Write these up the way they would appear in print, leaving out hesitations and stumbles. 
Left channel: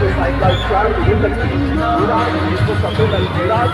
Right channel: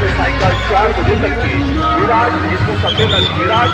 से सायंकाल 4 बजे तक की विराट 100 सम्मेलन विराट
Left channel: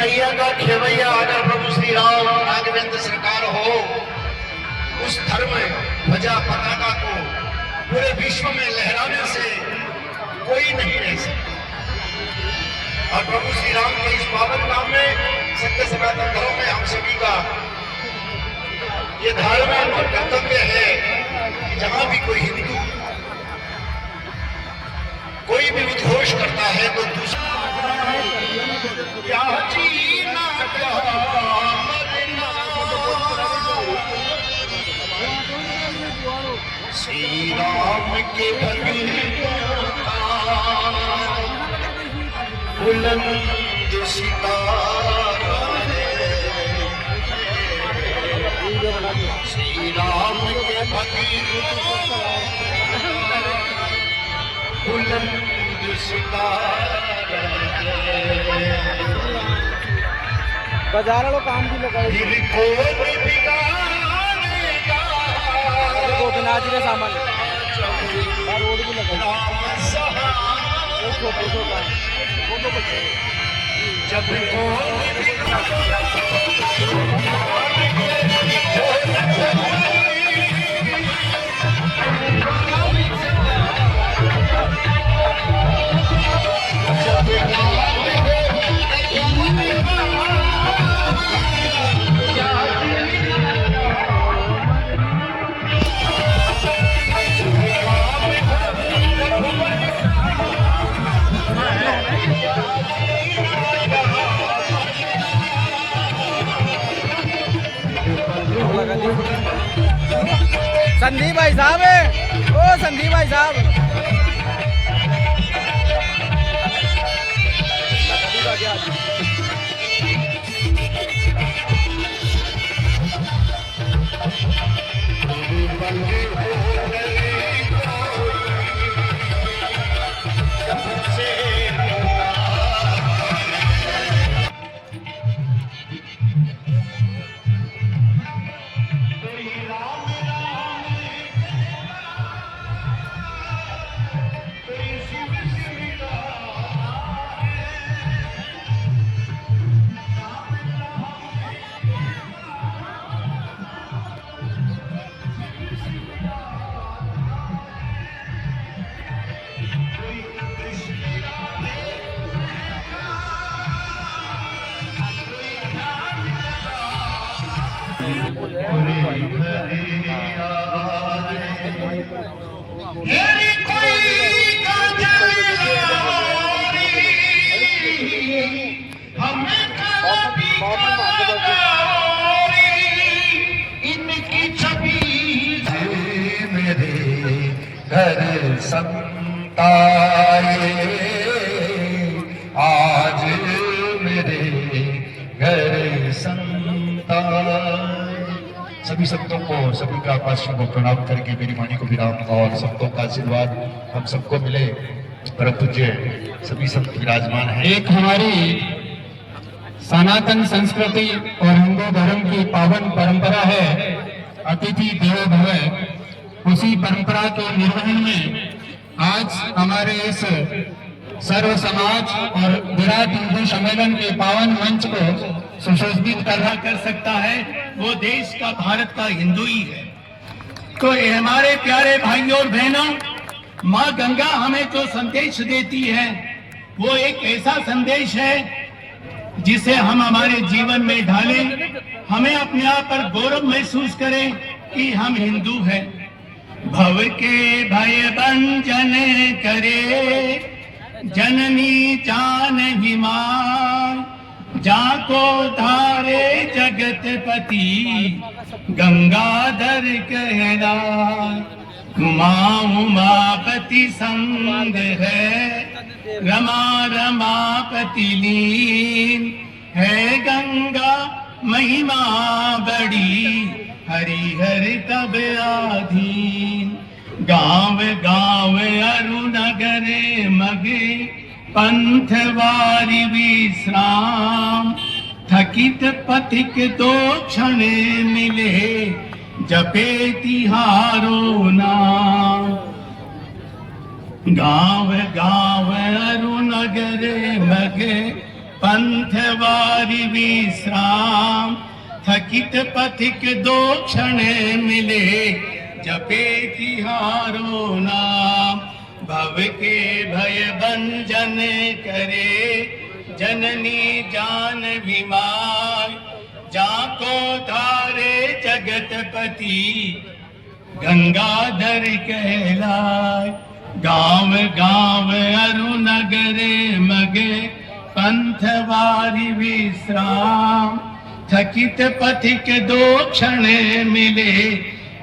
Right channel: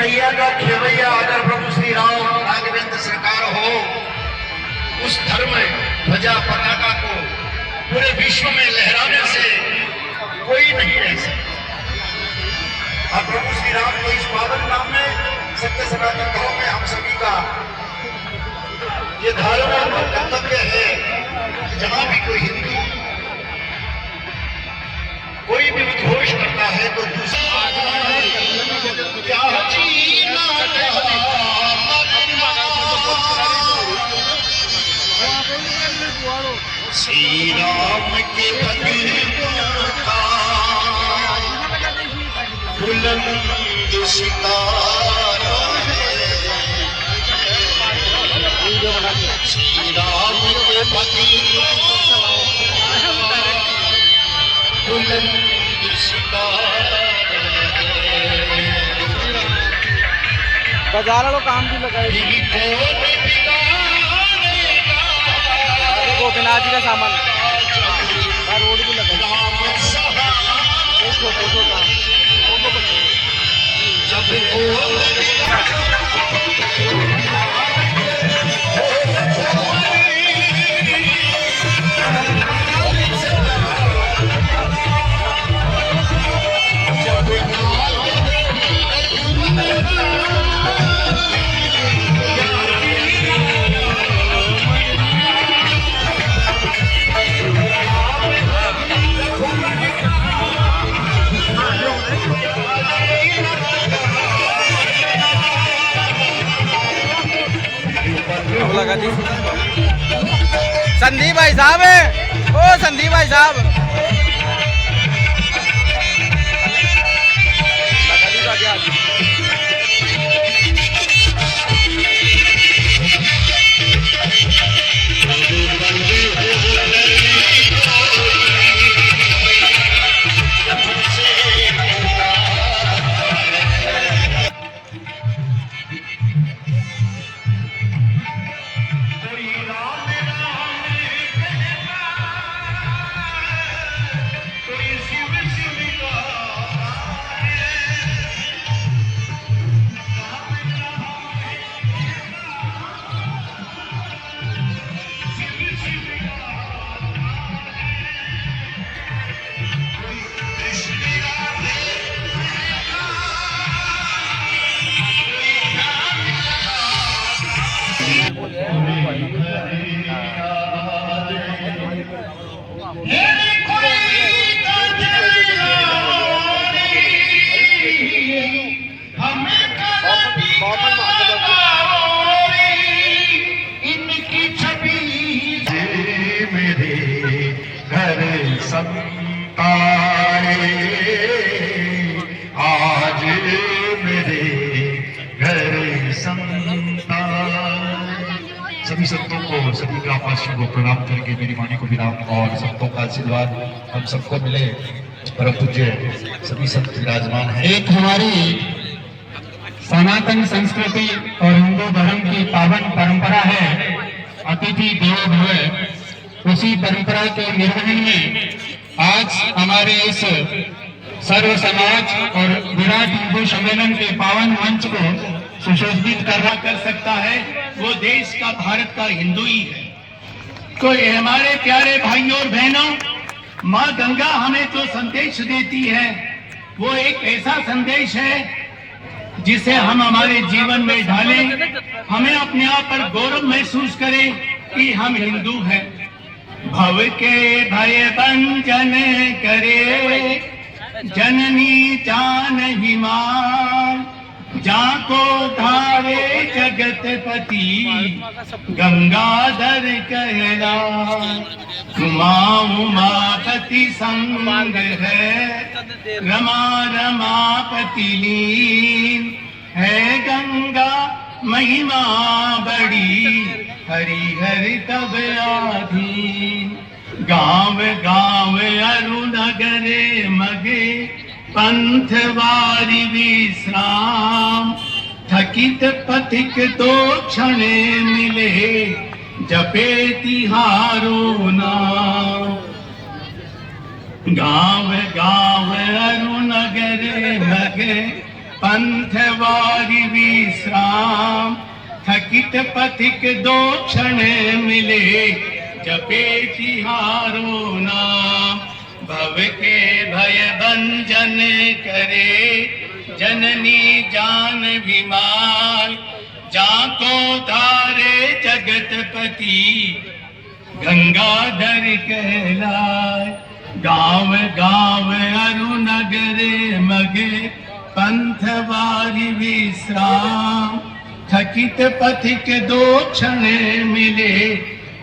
नैया का खेवैया अगर प्रभु श्री राम राघवेंद्र सरकार हो, उस धर्म ध्वजा पताका को पूरे विश्व में लहराने से कोई नहीं रह सकता। अब प्रभु श्री राम के इस पावन नाम में सत्य सनातन धर्म में हम सभी का ये धार्मिक कर्तव्य है कि जहां भी कोई हिंदू श्री राम के पति बुलंद सितारा श्री राम के पति बुलंद सितारा बाजार वालों काम भी लगाए गोपीनाथ जी का सामान रोड भी लगाई छोटा छोटा लगा दी संदीप भाई साहब है। ओ संदीप भाई साहब लगा दी बाकी आज इनकी छवि मेरे घर संताए आज मेरे घर संताए। सभी संतों को सभी का पार्षद को प्रणाम करके मेरी वाणी को विराम और संतों का आशीर्वाद हम सबको मिले। परम पूज्य सभी संत विराजमान है। एक हमारी सनातन संस्कृति और हिंदू धर्म की पावन परंपरा है अतिथि देवो भव। उसी परंपरा के निर्वहन में आज हमारे इस सर्व समाज और विराट हिंदू सम्मेलन के पावन मंच को सुशोभित कर सकता है वो देश का भारत का हिंदू ही है। तो ये हमारे प्यारे भाइयों और बहनों, माँ गंगा हमें तो संदेश देती है, वो एक ऐसा संदेश है जिसे हम हमारे जीवन में ढालें, हमें अपने आप पर गौरव महसूस करें कि हम हिंदू हैं। भव के भय भंजन करे जननी जानवी मां, जाको धारे जगत पति गंगाधर कहला। उमा उमापति संग है रमा रमापति लीन है गंगा महिमा बड़ी हरिहर तब आधीन। गाँव गाँव अरुणगर मगे पंथ वारी विश्राम, थकित पथिक दो क्षण मिले जपे तिहारो नाम। गाँव गाँव अरुणगर मगे पंथ वारी विश्राम, थकित पथिक दो क्षण मिले जपे तिहारो नाम। भव के भय भंजन करे जननी जानवी मां, जाको तारे जगत पति गंगाधर कहलाए। गाँव गाँव अरुणगर मगे पंथ वारी विश्राम, थकित पथिक दो क्षण मिले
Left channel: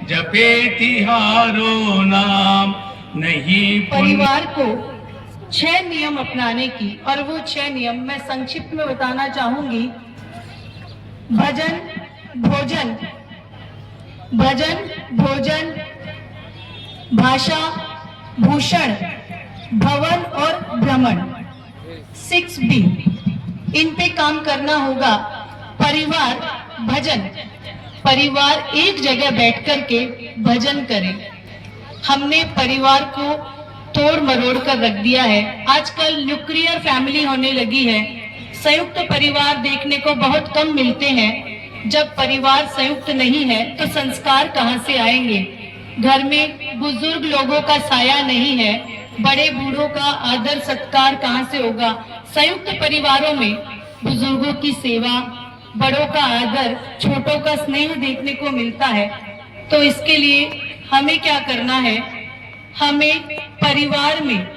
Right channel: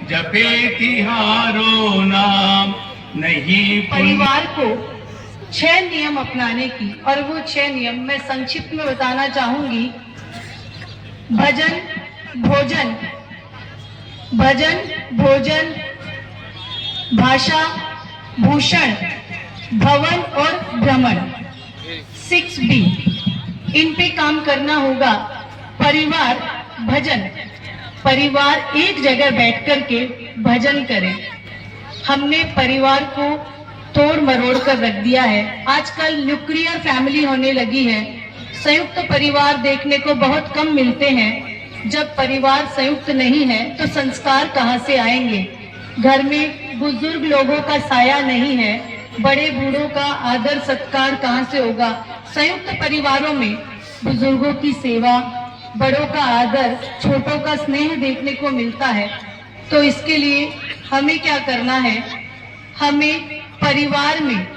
जपे तिहारो नाम नहीं परिवार को 6 नियम अपनाने की, और वो 6 नियम मैं संक्षिप्त में बताना चाहूंगी। भजन भोजन, भजन भोजन, भाषा भूषण, भवन और भ्रमण, 6B, इन पे काम करना होगा। परिवार भजन, परिवार एक जगह बैठ कर के भजन करें। हमने परिवार को तोड़ मरोड़ कर रख दिया है। आजकल न्यूक्लियर फैमिली होने लगी है, संयुक्त परिवार देखने को बहुत कम मिलते हैं। जब परिवार संयुक्त नहीं है तो संस्कार कहाँ से आएंगे? घर में बुजुर्ग लोगों का साया नहीं है, बड़े बूढ़ों का आदर सत्कार कहाँ से होगा? संयुक्त परिवारों में बुजुर्गों की सेवा, बड़ों का आदर, छोटों का स्नेह देखने को मिलता है। तो इसके लिए हमें क्या करना है? हमें परिवार में,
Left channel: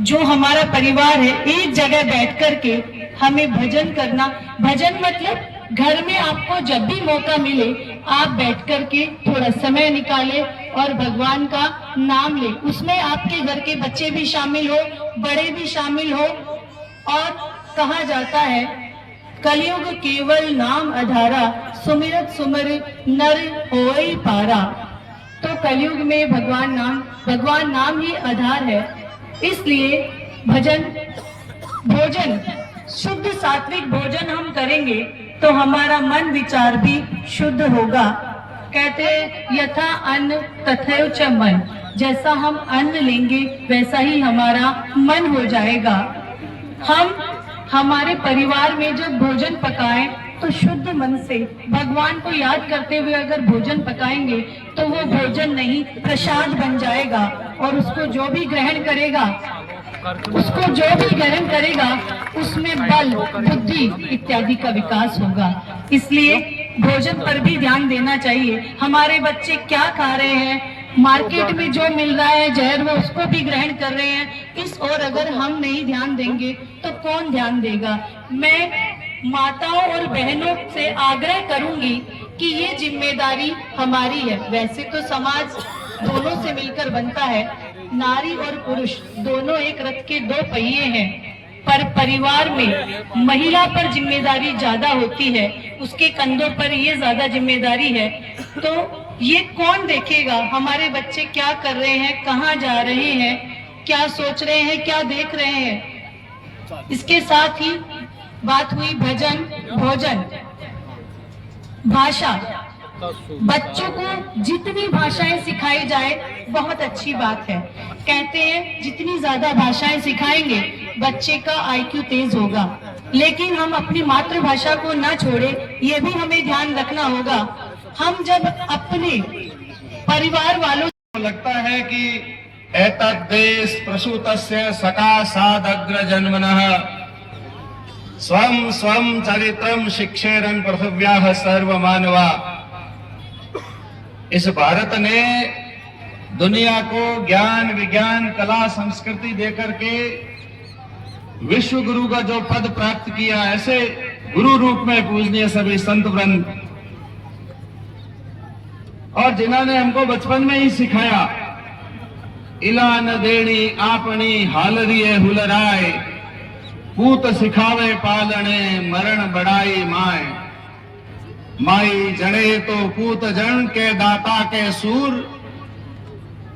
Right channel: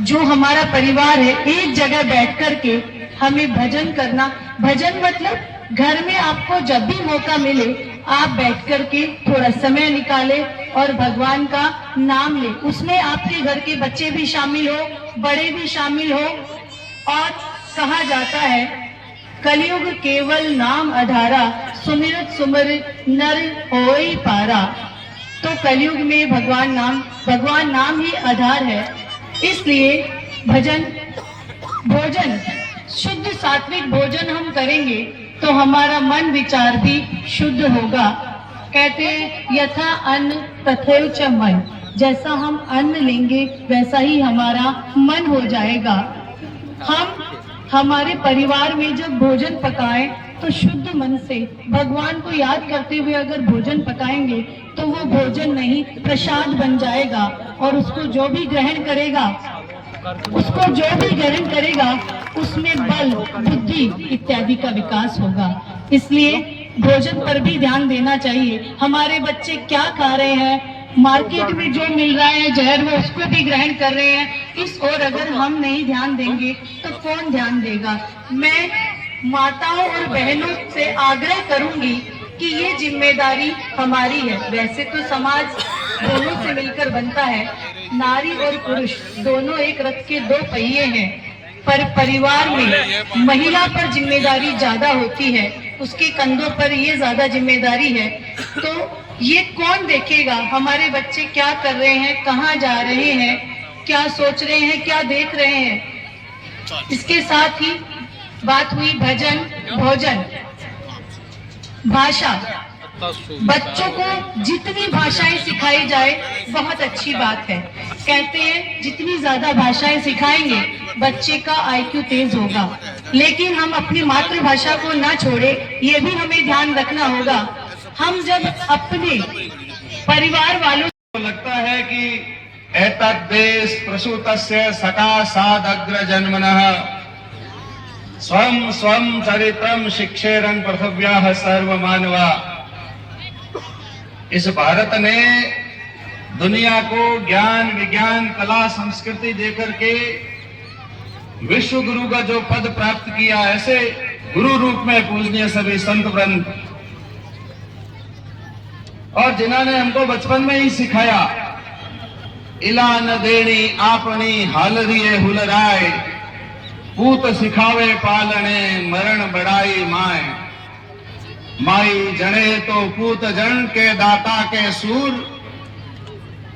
जो हमारा परिवार है, एक जगह बैठ कर के हमें भजन करना। भजन मतलब घर में आपको जब भी मौका मिले आप बैठ कर के थोड़ा समय निकाले और भगवान का नाम ले। उसमें आपके घर के बच्चे भी शामिल हो, बड़े भी शामिल हो। और कहा जाता है कलयुग केवल नाम आधारा, सुमिरत सुमिरत नर होई पारा। तो कलयुग में भगवान नाम ही आधार है। इसलिए भजन भोजन, शुद्ध सात्विक भोजन हम करेंगे तो हमारा मन विचार भी शुद्ध होगा। कहते हैं यथा अन्न तथैव च मन, जैसा हम अन्न लेंगे वैसा ही हमारा मन हो जाएगा। हम हमारे परिवार में जब भोजन पकाएं तो शुद्ध मन से भगवान को याद करते हुए अगर भोजन पकाएंगे तो वो भोजन नहीं प्रसाद बन जाएगा, और उसको जो भी ग्रहण करेगा उसमें बल, बुद्धि इत्यादि का विकास होगा। इसलिए भोजन पर भी ध्यान देना चाहिए। हमारे बच्चे क्या खा रहे हैं, मार्केट में जो मिल रहा है जहर, वो उसको भी ग्रहण कर रहे हैं। इस ओर अगर हम नहीं ध्यान देंगे तो कौन ध्यान देगा? मैं माताओं और बहनों से आग्रह करूंगी कि ये जिम्मेदारी हमारी है। वैसे तो समाज दोनों से मिलकर बनता है, नारी और पुरुष दोनों एक रथ के 2 पहिए हैं, पर परिवार में महिला पर जिम्मेदारी ज्यादा होती है, उसके कंधों पर ये ज्यादा जिम्मेदारी है। तो ये कौन देखेगा? हमारे बच्चे क्या कर रहे हैं, कहाँ जा रहे हैं, क्या सोच रहे हैं, क्या देख रहे हैं। इसके साथ ही बात हुई भजन भोजन, भाषा। बच्चों को जितनी भाषाएं सिखाई जाए बहुत अच्छी बात है। कहते हैं जितनी ज्यादा भाषाएं सिखाएंगे बच्चे का IQ तेज होगा। लेकिन हम अपनी मातृभाषा को ना छोड़े, ये भी हमें ध्यान रखना होगा। हम जब अपने परिवार वालों को लगता है कि एतद् देश प्रसूतस्य सकाशादग्र जन्मनः स्वं स्वं चरित्रं शिक्षेरन् पृथिव्याः सर्वमानवा। इस भारत ने दुनिया को ज्ञान विज्ञान कला संस्कृति देकर के विश्व गुरु का जो पद प्राप्त किया, ऐसे गुरु रूप में पूजनीय सभी संत वृंद, और जिन्होंने हमको बचपन में ही सिखाया, इला न देनी आपनी हालरिए हुलराए, पूत सिखावे पालने मरण बड़ाई माए। माई जने तो पूत जन के दाता के सूर,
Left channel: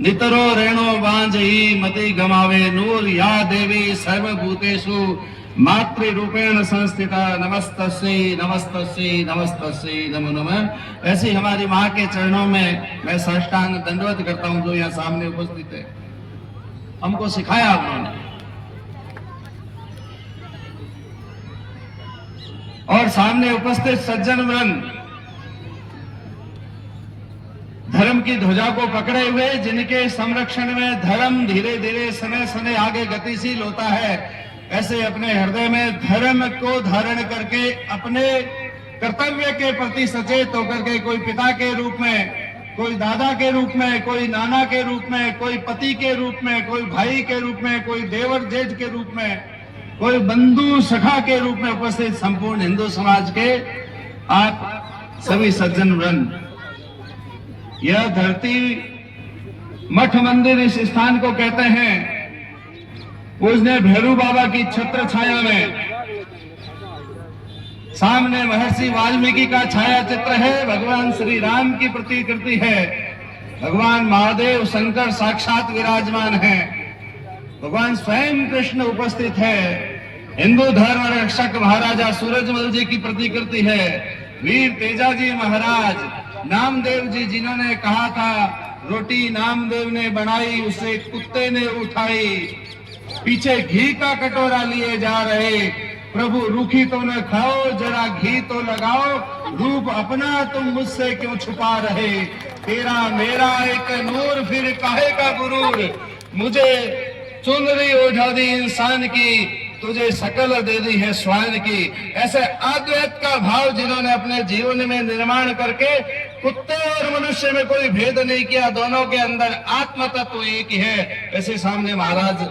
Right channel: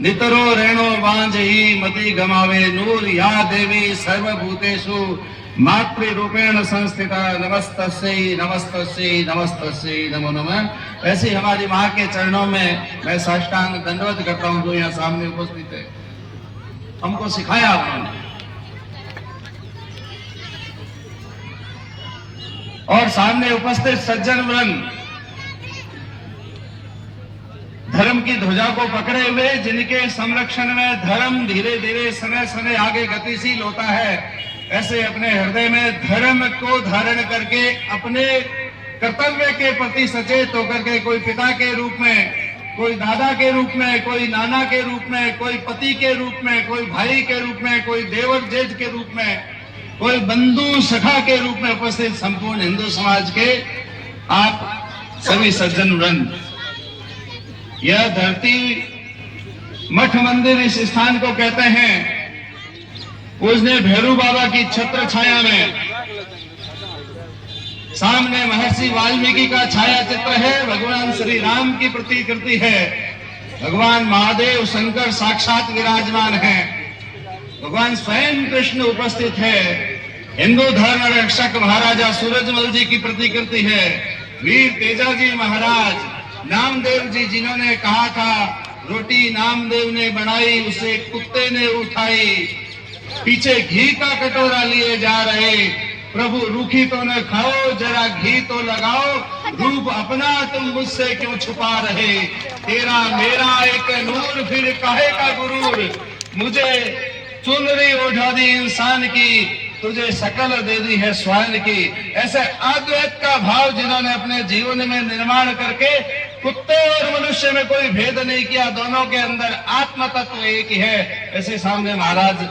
नितरो रेणो बांझ ही मति गमावे नूर। या देवी सर्वभूतेषु मातृरूपेण संस्थिता नमस्तस्यै नमस्तस्यै नमस्तस्यै नमो नमः। ऐसे हमारी माँ के चरणों में मैं साष्टांग दंडवत करता हूँ, जो यहाँ सामने उपस्थित है। हमको सिखाया उन्होंने, और सामने उपस्थित सज्जन वृंद धर्म की ध्वजा को पकड़े हुए, जिनके संरक्षण में धर्म धीरे धीरे समय समय आगे गतिशील होता है, ऐसे अपने हृदय में धर्म को धारण करके अपने कर्तव्य के प्रति सचेत होकर के, कोई पिता के रूप में, कोई दादा के रूप में, कोई नाना के रूप में, कोई पति के रूप में, कोई भाई के रूप में, कोई देवर जेठ के रूप में, कोई बंधु सखा के रूप में उपस्थित संपूर्ण हिंदू समाज के आप सभी सज्जन वृंद, यह धरती मठ मंदिर इस स्थान को कहते हैं। पूजने भैरू बाबा की छत्र छाया में सामने महर्षि वाल्मीकि का छाया चित्र है। भगवान श्री राम की प्रतिकृति है। भगवान महादेव शंकर साक्षात विराजमान है। भगवान स्वयं कृष्ण उपस्थित है। हिंदू धर्म रक्षक महाराजा सूरजमल जी की प्रतिकृति है। वीर तेजाजी महाराज, नामदेव जी जिन्होंने कहा था रोटी नामदेव ने बनाई उसे कुत्ते ने उठाई, पीछे घी का कटोरा लिए जा रहे, प्रभु रूखी तो न खाओ जरा घी तो लगाओ, रूप अपना तुम मुझसे क्यों छुपा रहे, तेरा मेरा एक नूर फिर काहे का गुरूर, मुझे चुनरी ओढ़ा दी इंसान की, तुझे शकल दे दी है स्वान की। ऐसे अद्वैत का भाव जिन्होंने अपने जीवन में निर्माण करके कुत्ते और मनुष्य में कोई भेद नहीं किया, दोनों के अंदर आत्म तत्व एक ही है। ऐसे सामने महाराज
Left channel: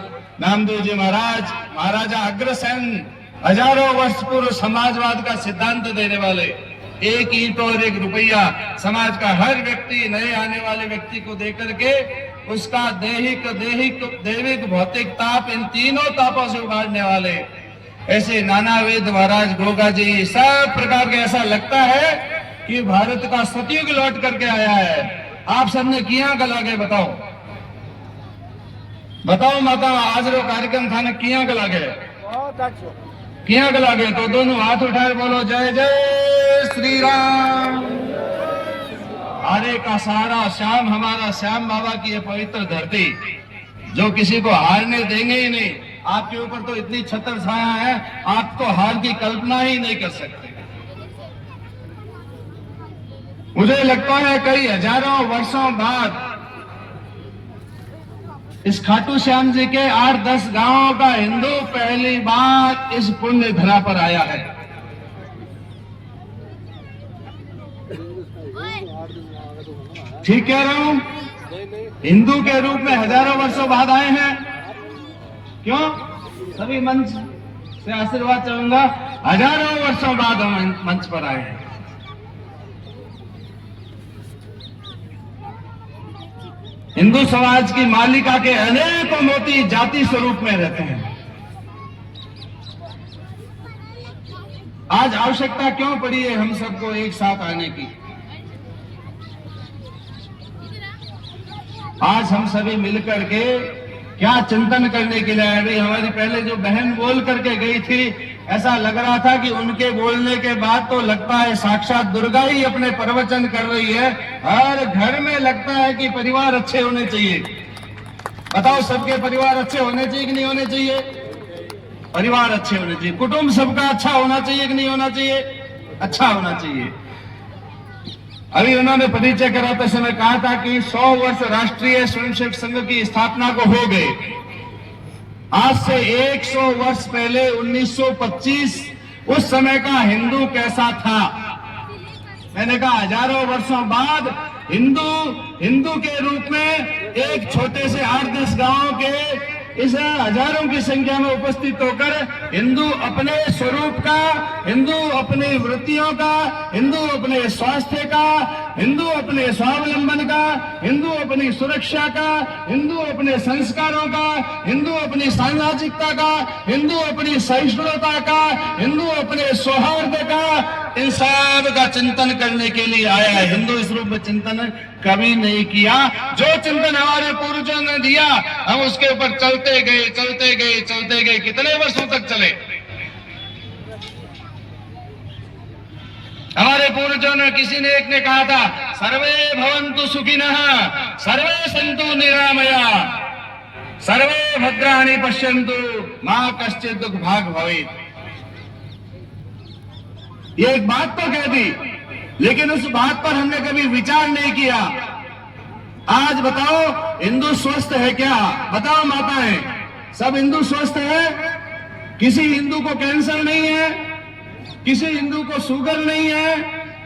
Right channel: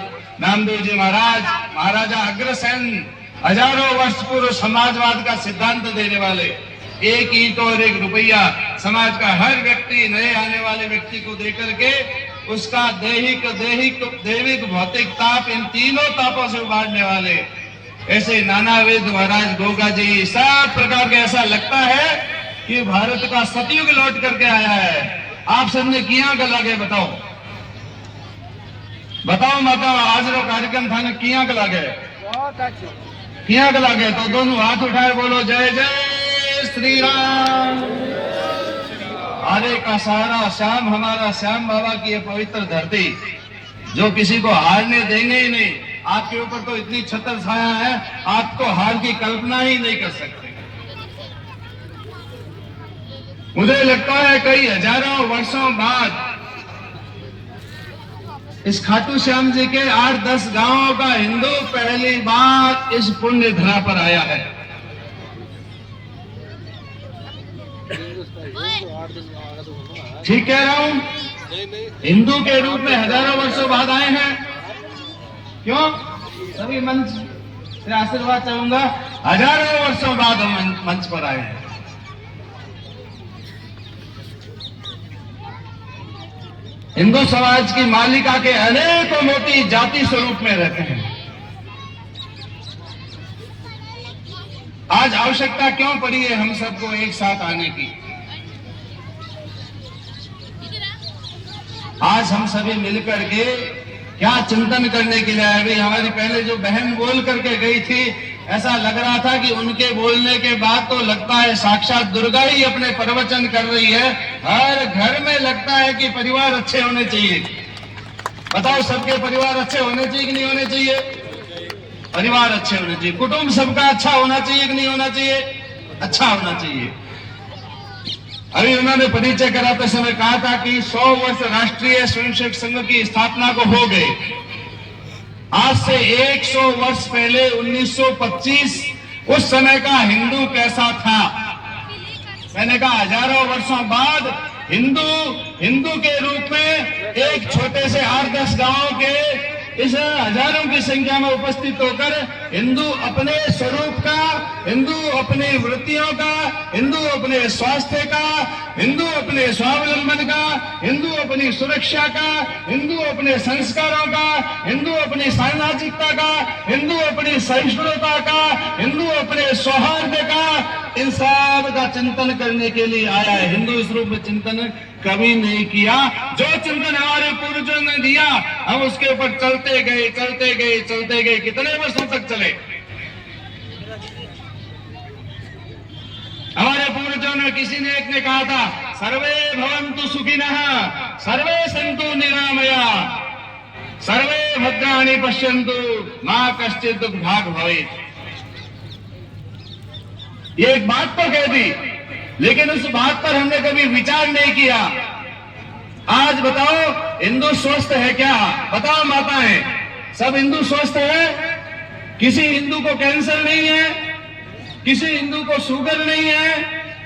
नामदेव जी महाराज, महाराजा अग्रसेन, हजारों वर्ष पूर्व समाजवाद का सिद्धांत देने वाले, एक ईंट और एक रुपया, समाज का हर व्यक्ति नए आने वाले व्यक्ति को देकर के उसका दैहिक दैविक भौतिक ताप, इन तीनों तापों से उबारने वाले ऐसे नाना वेद महाराज गोगा जी, सब प्रकार के ऐसा लगता है कि भारत का सतयुग लौट करके आया है। आप सबने किया गला गए, बताओ बताओ माता, आज वो कार्यक्रम था ना, किया गला गए, किया गला गए, तो दोनों हाथ उठाए बोलो जय जय श्री राम। हरे का सहारा श्याम, हमारा श्याम बाबा की ये पवित्र धरती जो किसी को हारने देंगे ही नहीं। आपके ऊपर तो इतनी छत्र छाया है, आपको हार की कल्पना ही नहीं कर सकते। मुझे लगता है कई हजारों वर्षों बाद इस खाटू श्याम जी के 8-10 गांवों का हिंदू पहली बार इस पुण्य धरा पर आया है। ठीक कह रहा हूं? हिंदू के रूप में हजारों वर्षों बाद आए हैं। क्यों? सभी मंच से आशीर्वाद चाहूंगा, हजारों वर्षों बाद मंच पर आए हैं। हिंदू समाज की मालिका के अनेकों मोती जाति स्वरूप में रहते हैं। आज आवश्यकता क्यों पड़ी है हम सबको एक साथ आने की? आज हम सभी मिलकर के क्या चिंतन करने के लिए आए? भाई हमारी पहले जो बहन बोल करके गई थी, ऐसा लग रहा था कि उनके बोलने के बाद तो लगता है साक्षात दुर्गा ही अपने प्रवचन कर रही है। हर घर में लगता है कि परिवार अच्छे होने चाहिए। बताओ, सबके परिवार अच्छे होने चाहिए कि नहीं होने चाहिए? परिवार अच्छे होने चाहिए। कुटुंब सबका अच्छा होना चाहिए कि नहीं होना चाहिए? अच्छा होना चाहिए। अभी उन्होंने परिचय कराते समय कहा था कि 100 वर्ष राष्ट्रीय स्वयंसेवक संघ की स्थापना को हो गए। आज से 100 वर्ष पहले 1925 उस समय का हिंदू कैसा था? मैंने कहा हजारों वर्षों बाद हिंदू के रूप में एक छोटे से 8-10 गांवों के इस हजारों की संख्या में उपस्थित होकर हिंदू अपने स्वरूप का, हिंदू अपनी वृत्तियों का, हिंदू अपने स्वास्थ्य का, हिंदू अपने स्वावलंबन का, हिंदू अपनी सुरक्षा का, हिंदू अपने संस्कारों का, हिंदू अपनी सामाजिकता का, हिंदू अपनी सहिष्णुता का, हिंदू अपने सौहार्द का, इन सब का चिंतन करने के लिए आया है। हिंदू इस रूप में चिंतन कभी नहीं किया। जो चिंतन हमारे पूर्वजों ने दिया, हम उसके ऊपर चलते गए। कितने वर्षों तक चले? हमारे पूर्वजों ने, किसी ने एक ने कहा था, सर्वे भवन्तु सुखिनः, सर्वे सन्तु निरामया, सर्वे भद्राणि पश्यन्तु, मा कश्चित् दुःख भाग् भवेत्। ये एक बात तो कह दी, लेकिन उस बात पर हमने कभी विचार नहीं किया। आज बताओ, हिंदू स्वस्थ है क्या? बताओ माताएं, सब हिंदू स्वस्थ है? किसी हिंदू को कैंसर नहीं है, किसी हिंदू को शुगर नहीं है,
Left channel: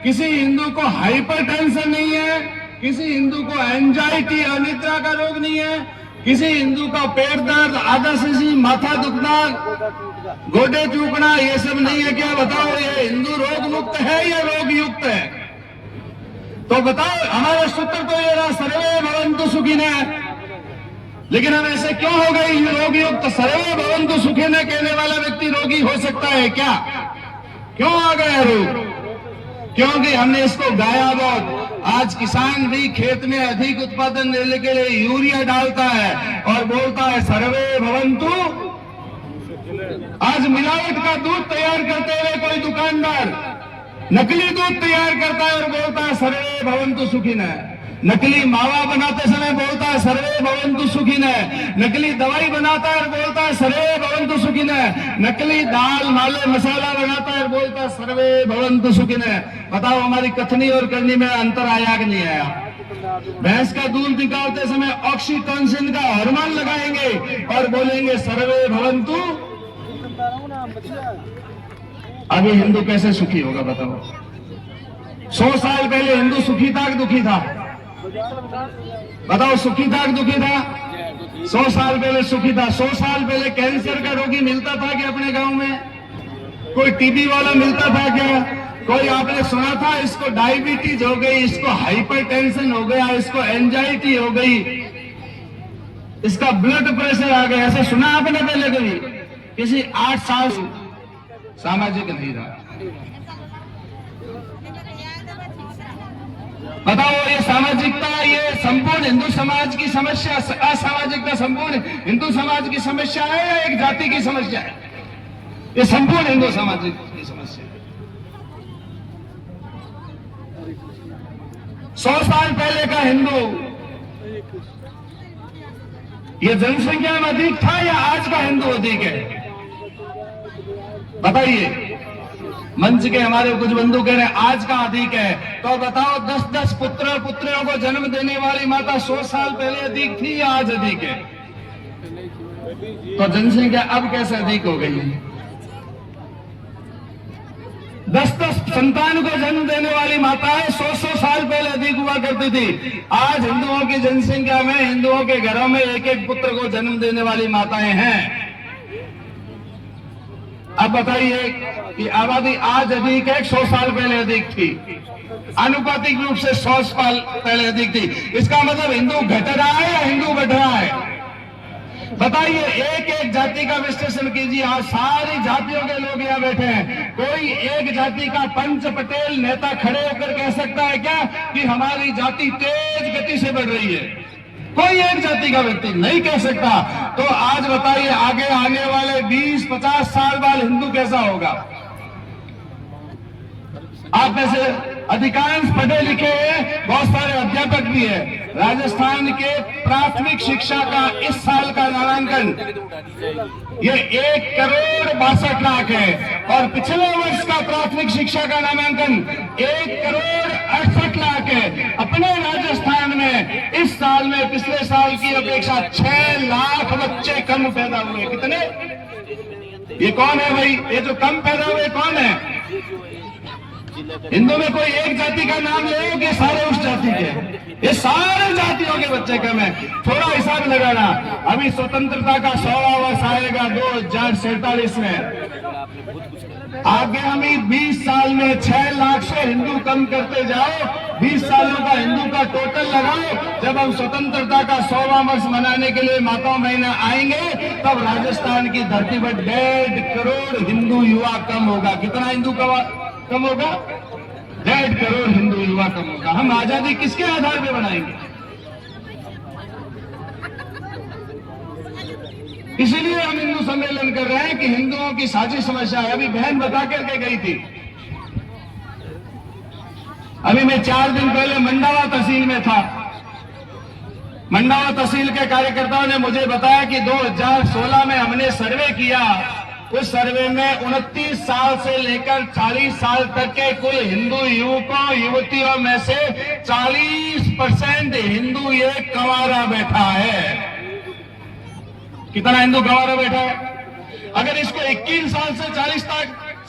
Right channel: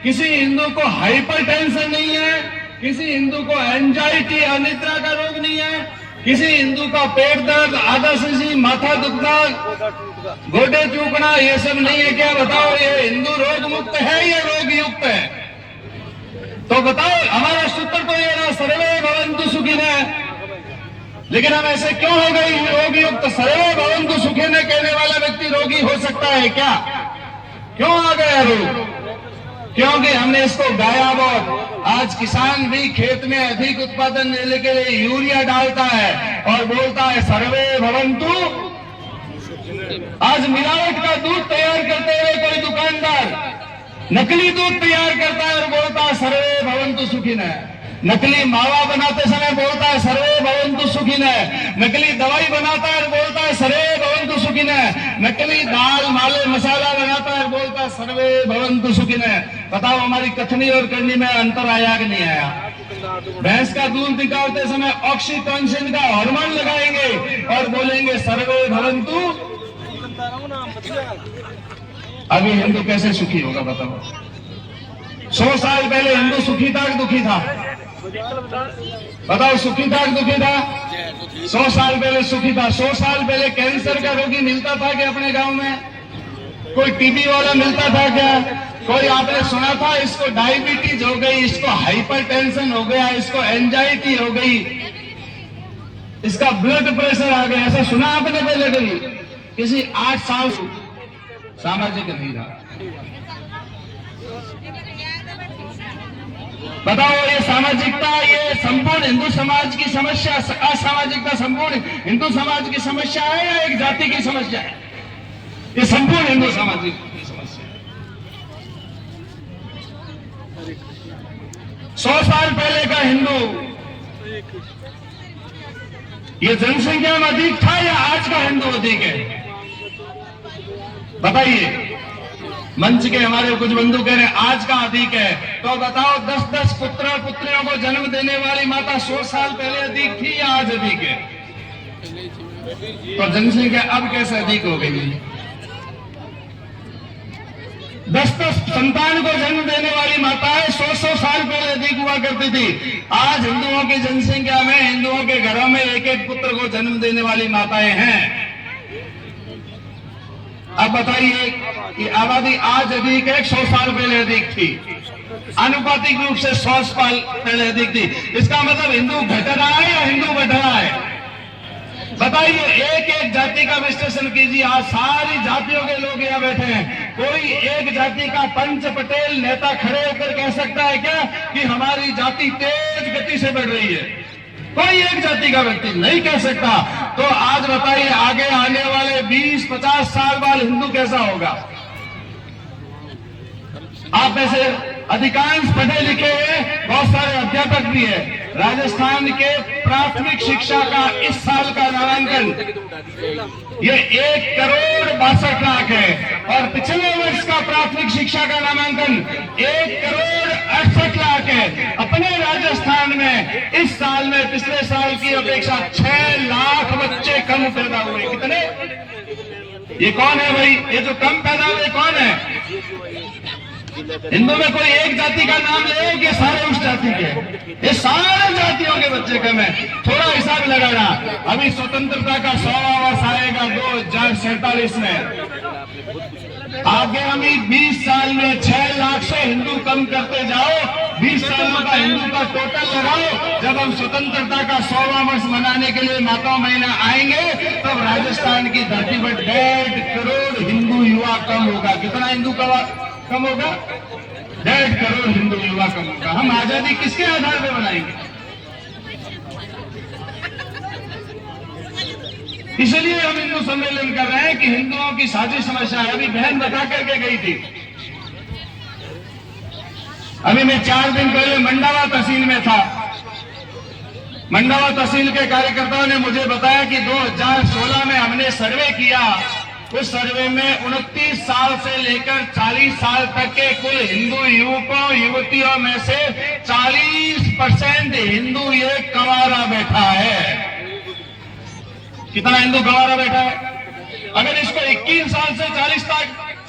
किसी हिंदू को हाइपरटेंशन नहीं है, किसी हिंदू को एंजाइटी अनिद्रा का रोग नहीं है, किसी हिंदू का पेट दर्द, आदर्शी, माथा दुखना, गोडे चूकना, ये सब नहीं है क्या? बताओ, ये हिंदू रोग मुक्त है या रोग युक्त है? तो बताओ, हमारा सूत्र तो ये रहा सर्वे भवन्तु सुखिनः, लेकिन हम ऐसे क्यों हो गए रोगी युक्त? सर्वे भवन्तु सुखिनः कहने वाला व्यक्ति रोगी हो सकता है क्या? क्यों आ गया रोग? क्योंकि हमने इसको गाया बहुत। आज किसान भी खेत में अधिक उत्पादन लेने के लिए यूरिया डालता है और बोलता है सर्वे भवन्तु। आज मिलावट का दूध तैयार करते हुए कोई दुकानदार नकली दूध तैयार करता है और बोलता है सर्वे भवन्तु सुखिनः। नकली मावा बनाते समय बोलता है सर्वे भवन्तु सुखिनः। नकली दवाई बनाता है और बोलता है सर्वे भवन्तु सुखिनः। नकली दाल माले मसाला बनाता है और बोलता है सर्वे भवन्तु सुखिनः। बताओ, हमारी कथनी और करनी में अंतर आया कि नहीं आया? भैंस का दूध निकालते समय ऑक्सीटोसिन का हार्मोन लगाएंगे और बोलेंगे सर्वे भवन्तु। अभी हिंदू कैसे सुखी होगा बताओ? 100 साल पहले हिंदू सुखी था कि दुखी था? बताओ, सुखी था कि दुखी था? 100 साल पहले सुखी था। 100 साल पहले कैंसर का रोगी मिलता था क्या अपने गांव में? कोई टीबी वाला मिलता था क्या? कोई आपने सुना था इसको डायबिटीज हो गई, इसको हाइपरटेंशन हो गया, इसको एंजाइटी हो गई, इसका ब्लड प्रेशर आ गया? ऐसा सुना आपने पहले कभी? किसी 8 साल सामाजिक नहीं रहा। बताओ, ये सामाजिकता, ये संपूर्ण हिंदू समाज की समस्या, असामाजिकता संपूर्ण हिंदू समाज की समस्या है या एक जाति की समस्या है? ये संपूर्ण हिंदू समाज की समस्या है। 100 साल पहले का हिंदू ये जनसंख्या में अधिक था या आज का हिंदू अधिक है? बताइए। मंच के हमारे कुछ बंधु कह रहे हैं आज का अधिक है, तो बताओ 10-10 पुत्र पुत्रियों को जन्म देने वाली माता 100 साल पहले अधिक थी या आज अधिक है? तो जनसंख्या अब कैसे अधिक हो गई? 10-10 संतान को जन्म देने वाली माताएं 100 साल पहले अधिक हुआ करती थी। आज हिंदुओं की जनसंख्या में हिंदुओं के घरों में एक पुत्र को जन्म देने वाली माताएं हैं। अब बताइए कि आबादी आज अधिक है, 100 साल पहले अधिक थी? आनुपातिक रूप से 100 साल पहले अधिक थी। इसका मतलब हिंदू घट रहा है या हिंदू बढ़ रहा है? बताइए, एक एक जाति का विश्लेषण कीजिए। आज सारी जातियों के लोग यहाँ बैठे हैं। कोई एक जाति का पंच पटेल नेता खड़े होकर कह सकता है क्या कि हमारी जाति तेज गति से बढ़ रही है? कोई एक जाति का व्यक्ति नहीं कह सकता। तो आज बताइए, आगे आने वाले 20-50 साल बाद हिंदू कैसा होगा? आप में से अधिकांश पढ़े लिखे हैं, बहुत सारे अध्यापक भी है। राजस्थान के प्राथमिक शिक्षा का इस साल का नामांकन ये 1,62,00,000 है और पिछले वर्ष का प्राथमिक शिक्षा का नामांकन 1,68,00,000 है। अपने राजस्थान में इस साल में पिछले साल की अपेक्षा 6 लाख बच्चे कम पैदा हुए। कितने? ये कौन है भाई? ये जो कम पैदा हुए कौन है? हिंदू में कोई एक जाति का नाम ले कि सारे उस जाति के? ये सारे जातियों के बच्चे कम है। थोड़ा हिसाब लगाना, अभी स्वतंत्रता का 100वां वर्ष आएगा 2047 में। आगामी 20 साल में 6 लाख से हिंदू कम करते जाओ। 20 सालों का हिंदू का टोटल लगाओ। जब हम स्वतंत्रता का 100वां वर्ष मनाने के लिए माता महीना आएंगे, तब राजस्थान की धरती पर 1.5 करोड़ हिंदू युवा कम होगा। कितना हिंदू कम होगा? 1.5 करोड़ हिंदू युवा कम होगा। हम आजादी किसके आधार पर बनाएंगे? इसलिए हम हिंदू सम्मेलन कर रहे हैं कि हिंदुओं की साझी समस्या है। अभी बहन बता करके गई थी। अभी मैं 4 दिन पहले मंडावा तहसील में था। मंडावा तहसील के कार्यकर्ताओं ने मुझे बताया कि 2016 में हमने सर्वे किया। उस सर्वे में 29 साल से लेकर 40 साल तक के कुल हिंदू युवकों युवतियों में से 40% हिंदू ये कंवारा बैठा है। कितना हिंदू कंवारा बैठा है? अगर इसको 21 साल से 40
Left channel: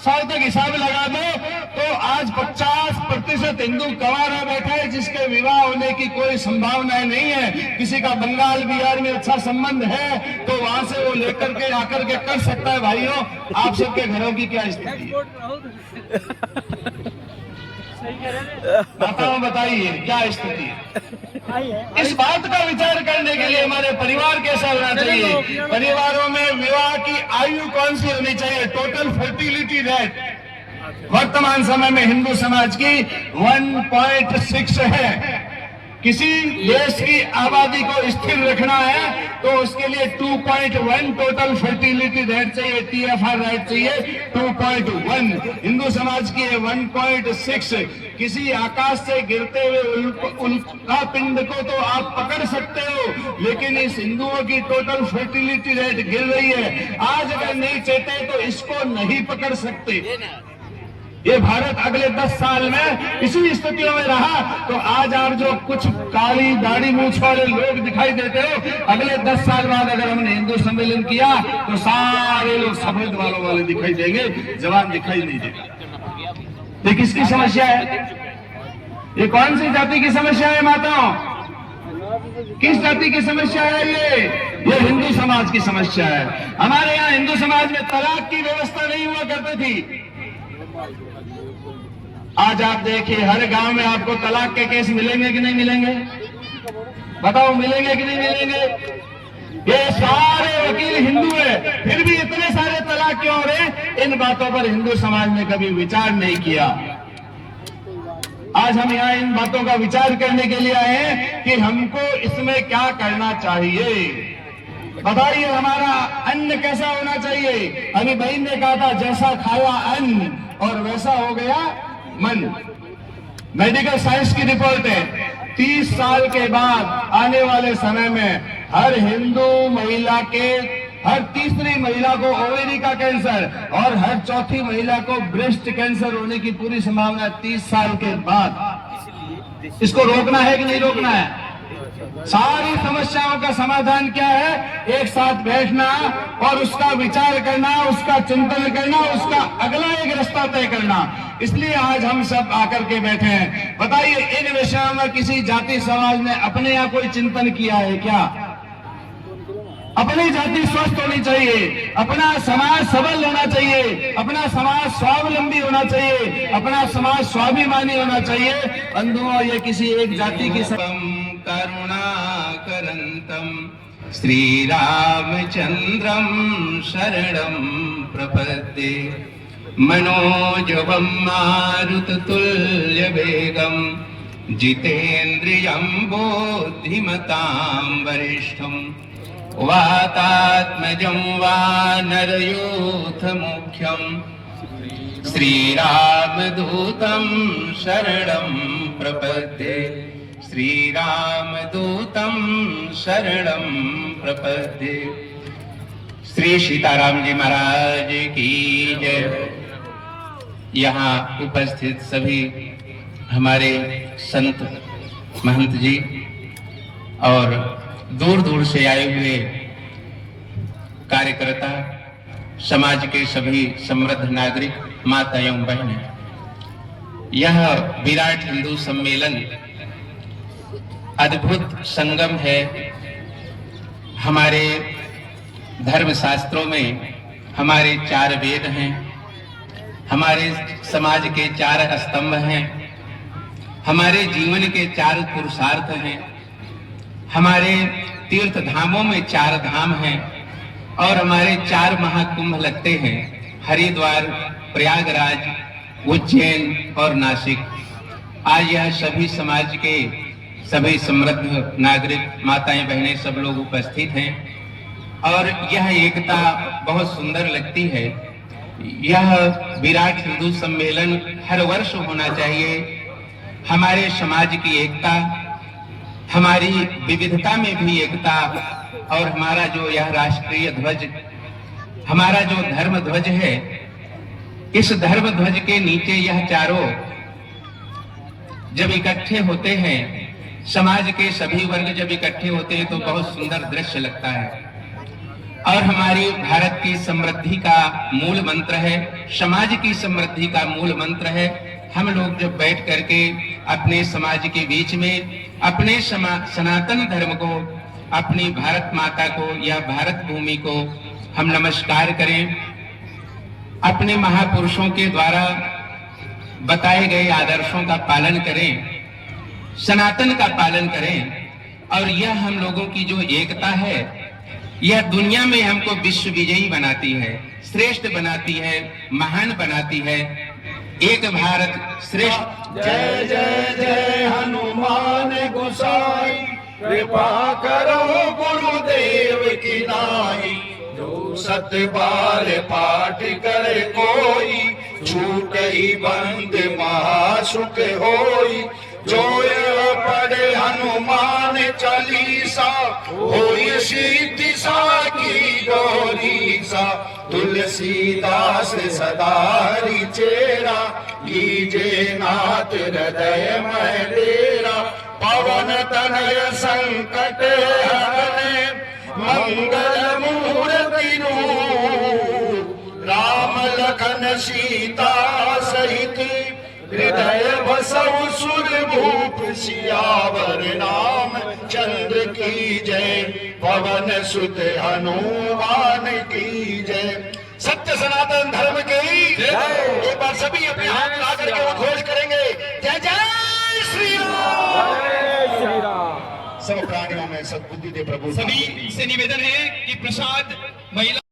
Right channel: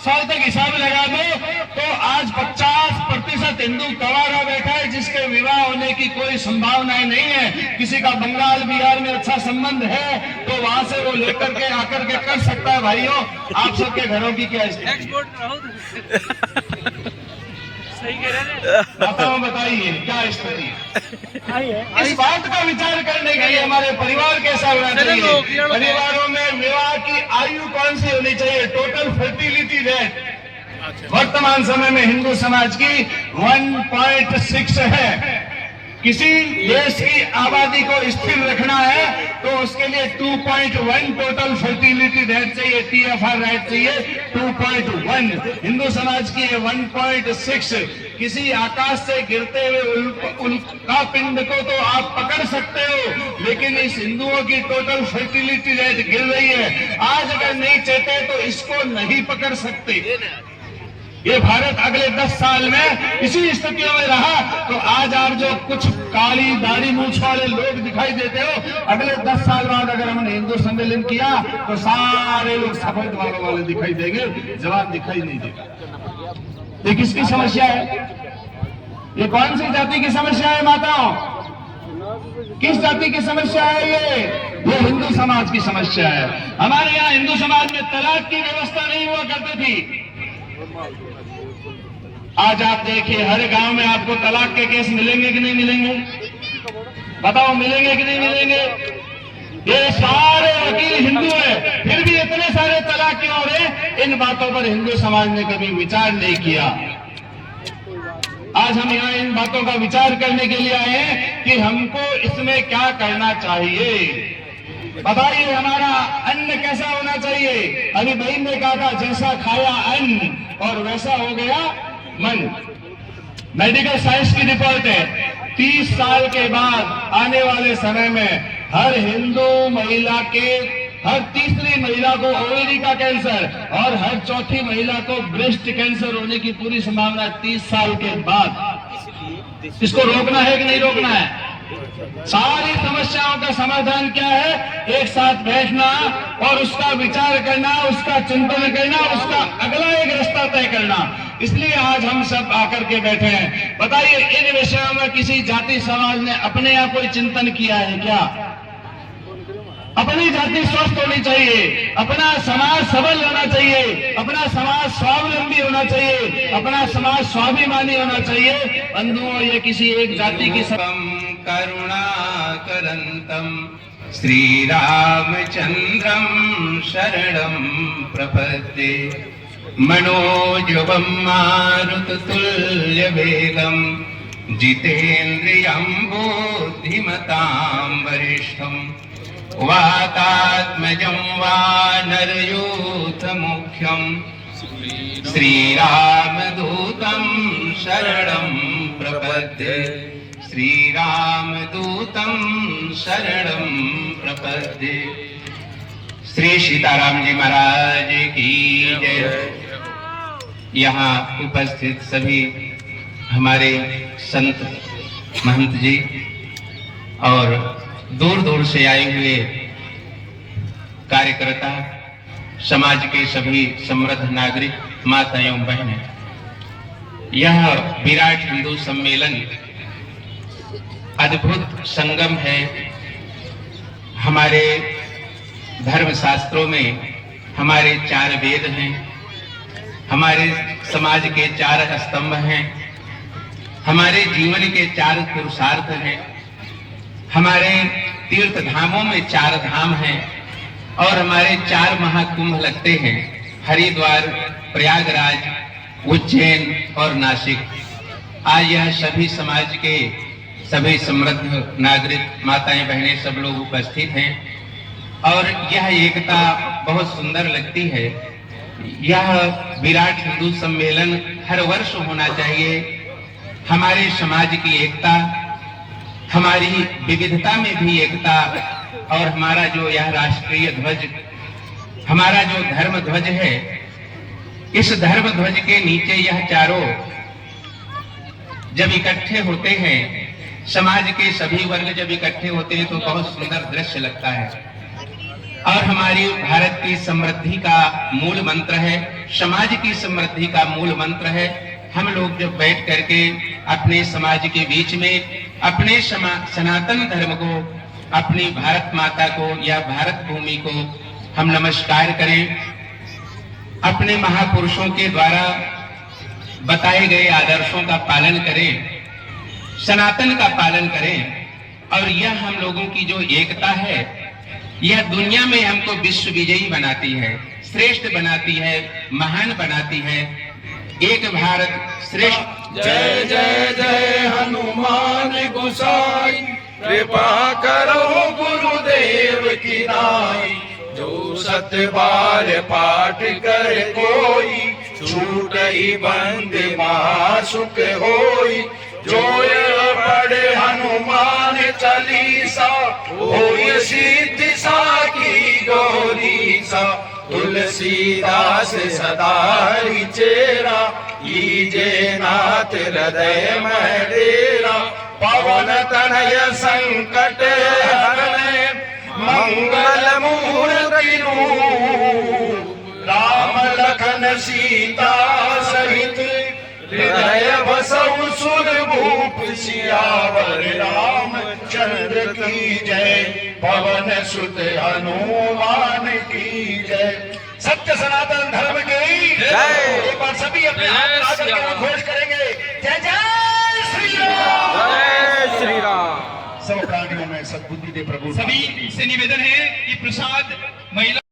साल तक हिसाब लगा दो तो आज 50% हिंदू कंवारा बैठा है, जिसके विवाह होने की कोई संभावनाएं नहीं है। किसी का बंगाल बिहार में अच्छा संबंध है तो वहां से वो लेकर के आकर के कर सकता है। भाइयों, आप सबके घरों की क्या स्थिति है? आपको बताइए क्या स्थिति है। इस बात का विचार करने के लिए हमारे परिवार कैसा होना चाहिए, परिवारों में विवाह की आयु कौन सी होनी चाहिए, टोटल फर्टिलिटी रेट वर्तमान समय में हिंदू समाज की 1.6 है। किसी देश की आबादी को स्थिर रखना है तो उसके लिए 2.1 टोटल फर्टिलिटी रेट चाहिए, TFR रेट चाहिए 2.1। हिंदू समाज की 1.6। किसी आकाश से गिरते हुए उल्का पिंड को तो आप पकड़ सकते हो, लेकिन इस हिंदुओं की टोटल फर्टिलिटी रेट गिर रही है। आज अगर नहीं चाहते तो इसको नहीं पकड़ सकते। ये भारत अगले 10 साल में इसी स्थितियों में रहा तो आज आप जो कुछ काली दाढ़ी मूछ वाले लोग दिखाई देते हो, अगले 10 साल बाद अगर हमने हिंदू सम्मेलन किया तो सारे लोग सफेद बालों वाले दिखाई देंगे, जवाब दिखाई नहीं देगा। ये किसकी समस्या है? ये कौन सी जाति की समस्या है माताओं? किस जाति की समस्या है ये हिंदू समाज की समस्या है। हमारे यहाँ हिंदू समाज में तलाक की व्यवस्था नहीं हुआ करती थी। आज आप देखिए हर गांव में आपको तलाक के केस मिलेंगे कि नहीं मिलेंगे? बताओ मिलेंगे कि नहीं मिलेंगे? ये सारे वकील हिंदू है, फिर भी इतने सारे तलाक क्यों हो रहे? इन बातों पर हिंदू समाज ने कभी विचार नहीं किया। आज हम यहाँ इन बातों का विचार करने के लिए आए हैं कि हमको इसमें क्या करना चाहिए। बताइए हमारा अन्न कैसा होना चाहिए? अभी बहन ने कहा था जैसा खाया अन्न और वैसा हो गया मन। मेडिकल साइंस की रिपोर्ट है 30 साल के बाद आने वाले समय में हर हिंदू महिला के हर तीसरी महिला को ओवेरी का कैंसर और हर चौथी महिला को ब्रेस्ट कैंसर होने की पूरी संभावना है 30 साल के बाद। इसको रोकना है कि नहीं रोकना है? सारी समस्याओं का समाधान क्या है? एक साथ बैठना और उसका विचार करना, उसका चिंतन करना, उसका अगला एक रास्ता तय करना। इसलिए आज हम सब आकर के बैठे हैं। बताइए इन विषयों में किसी जाति समाज ने अपने यहाँ कोई चिंतन किया है क्या? अपनी जाति स्वस्थ होनी चाहिए, अपना समाज सबल होना चाहिए, अपना समाज स्वावलंबी होना चाहिए, अपना समाज स्वाभिमानी होना चाहिए। बंधुओं ये किसी एक जाति की करुणाकरन्तम श्री रामचंद्रम शरणं प्रपद्ये मनोजवं मारुततुल्यवेगं जितेन्द्रियं बुद्धिमतां वरिष्ठं वातात्मजं वानरयूथमुख्यं श्रीरामदूतं शरणं प्रपद्ये श्रीरामदूतं शरणं प्रपद्ये। श्री सीताराम जी महाराज की जय। यहाँ उपस्थित सभी हमारे संत महंत जी और दूर दूर से आए हुए कार्यकर्ता, समाज के सभी समृद्ध नागरिक, माता एवं बहनें, यह विराट हिंदू सम्मेलन अद्भुत संगम है। हमारे धर्म शास्त्रों में हमारे 4 वेद हैं, हमारे समाज के 4 स्तंभ हैं, हमारे जीवन के 4 पुरुषार्थ हैं, हमारे तीर्थ धामों में 4 धाम हैं और हमारे 4 महाकुंभ लगते हैं, हरिद्वार, प्रयागराज, उज्जैन और नासिक। आज यह सभी समाज के सभी समृद्ध नागरिक, माताएं बहनें सब लोग उपस्थित हैं और यह एकता बहुत सुंदर लगती है। यह विराट हिंदू सम्मेलन हर वर्ष होना चाहिए। हमारे समाज की एकता, हमारी विविधता में भी एकता और हमारा जो यह राष्ट्रीय ध्वज, हमारा जो धर्म ध्वज है, इस धर्म ध्वज के नीचे यह चारों जब इकट्ठे होते हैं, समाज के सभी वर्ग जब इकट्ठे होते हैं तो बहुत सुंदर दृश्य लगता है। और हमारी भारत की समृद्धि का मूल मंत्र है, समाज की समृद्धि का मूल मंत्र है। हम लोग जब बैठ करके अपने समाज के बीच में अपने सनातन धर्म को, अपनी भारत माता को या भारत भूमि को हम नमस्कार करें, अपने महापुरुषों के द्वारा बताए गए आदर्शों का पालन करें, सनातन का पालन करें, और यह हम लोगों की जो एकता है यह दुनिया में हमको विश्व विजयी बनाती है, श्रेष्ठ बनाती है, महान बनाती है। एक भारत श्रेष्ठ। जय जय जय हनुमान गोसाई, कृपा करो गुरुदेव की नाई। जो सत्य बार पाठ कर कोई, छूट ही बंद महासुख होई। जो ये पढ़े हनुमान चालीसा, होई सिद्धि साकी गौरीसा। तुलसीदास सदा हरि चेरा, लीजे नाथ हृदय में डेरा। पवन तनय संकट हरणे, मंगल मूर्ति रूप। राम लखन सीता सहित, हृदय बसौ सुरभूप। सियावर रामचंद्र की जय, पवन सुत हनुमान की जय। सत्य सनातन धर्म की जय। एक बार सभी अपने हाथ उठा करके घोष करेंगे, जय जय श्री राम। जय श्री राम। सब प्राणियों में सद्बुद्धि दे प्रभु। सभी से निवेदन है कि प्रसाद महिला